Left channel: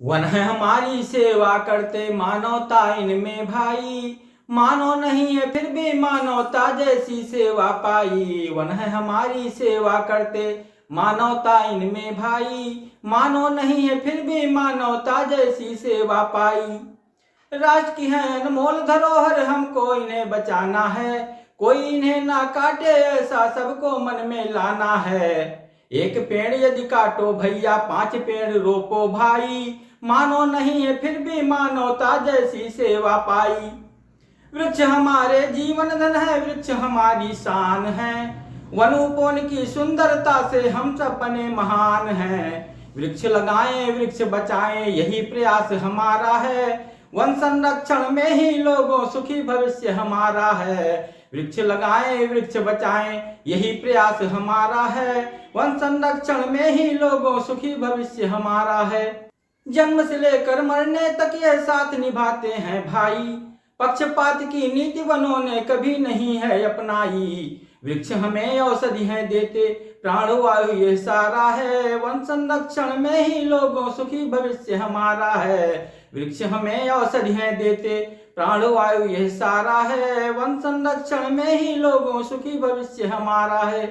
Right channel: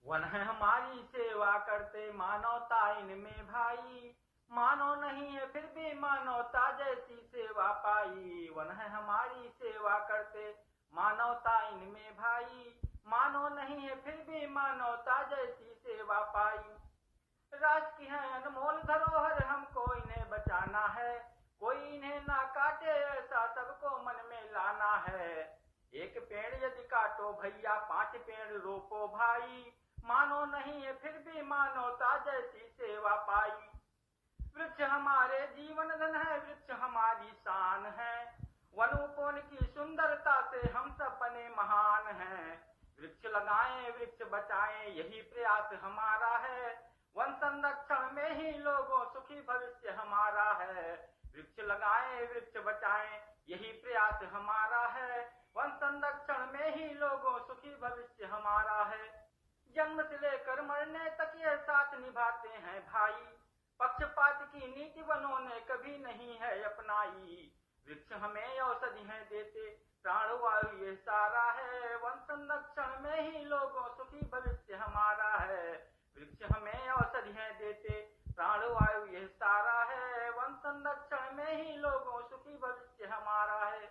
One है हमारी सेवा करते मानवता इनमें भाई, मानो नहीं है फिर भी मानवता जैसी सेवा पाई। वन है हमारी सेवा करते मानवता इनमें भाई, मानो नहीं है फिर भी मानवता जैसी सेवा पाई। राष्ट्र की है अनमोल धरोहर, हमको इन्हें बचाना है, कोई इन्हें ना काटे ऐसा सबको मन में लाना है। एक पेड़ यदि काटो भैया 5 पेड़ रोपो भाई, मानो नहीं है फिर भी मानवता जैसी सेवा पाई। वृक्ष हमारे जीवन धन है, वृक्ष हमारी शान है, वनोपवन की सुंदरता से हम सब बने महान हैं। वृक्ष लगाएं वृक्ष बचाएं यही प्रयास हमारा है, वन संरक्षण में ही लोगों सुखी भविष्य हमारा है। वृक्ष लगाएं वृक्ष बचाएं यही प्रयास हमारा है, वन संरक्षण में ही लोगों सुखी भविष्य हमारा है। जन्म से लेकर मरने तक ये साथ निभाते हैं भाई, पक्षपात की नीति वनों ने कभी नहीं है अपनाई। वृक्ष हमें औषधियां देते प्राणवायु ये सारा है, वन संरक्षण में ही लोगों सुखी भविष्य हमारा है। वृक्ष हमें औषधियां देते प्राणवायु ये सारा है, वन संरक्षण में ही लोगों सुखी भविष्य हमारा है।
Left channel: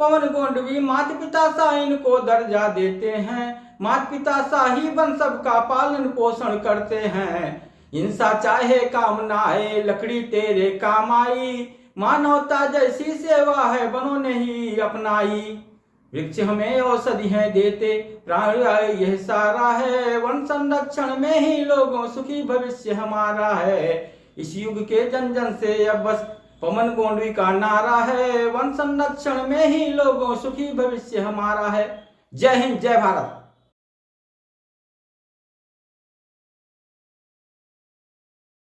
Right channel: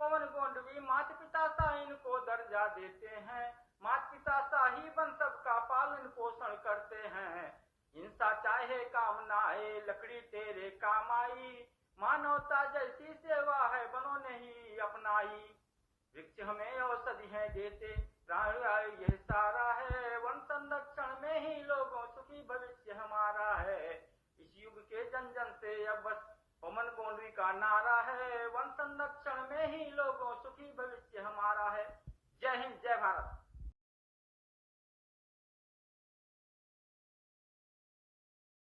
पवन गोंडवी माता पिता सा इनको दर्जा देते हैं, माता पिता सा ही वन सबका पालन पोषण करते हैं। हिंसा चाहे काम ना आए लकड़ी तेरे काम आई, मानवता जैसी सेवा है वनों ने ही अपनाई। वृक्ष हमें औषधियां देते प्राणवायु यह सारा है, वन संरक्षण में ही लोगों सुखी भविष्य हमारा है। इस युग के जन जन से अब बस पवन गोंडवी का नारा है, वन संरक्षण में ही लोगों सुखी भविष्य हमारा है। जय हिंद जय भारत।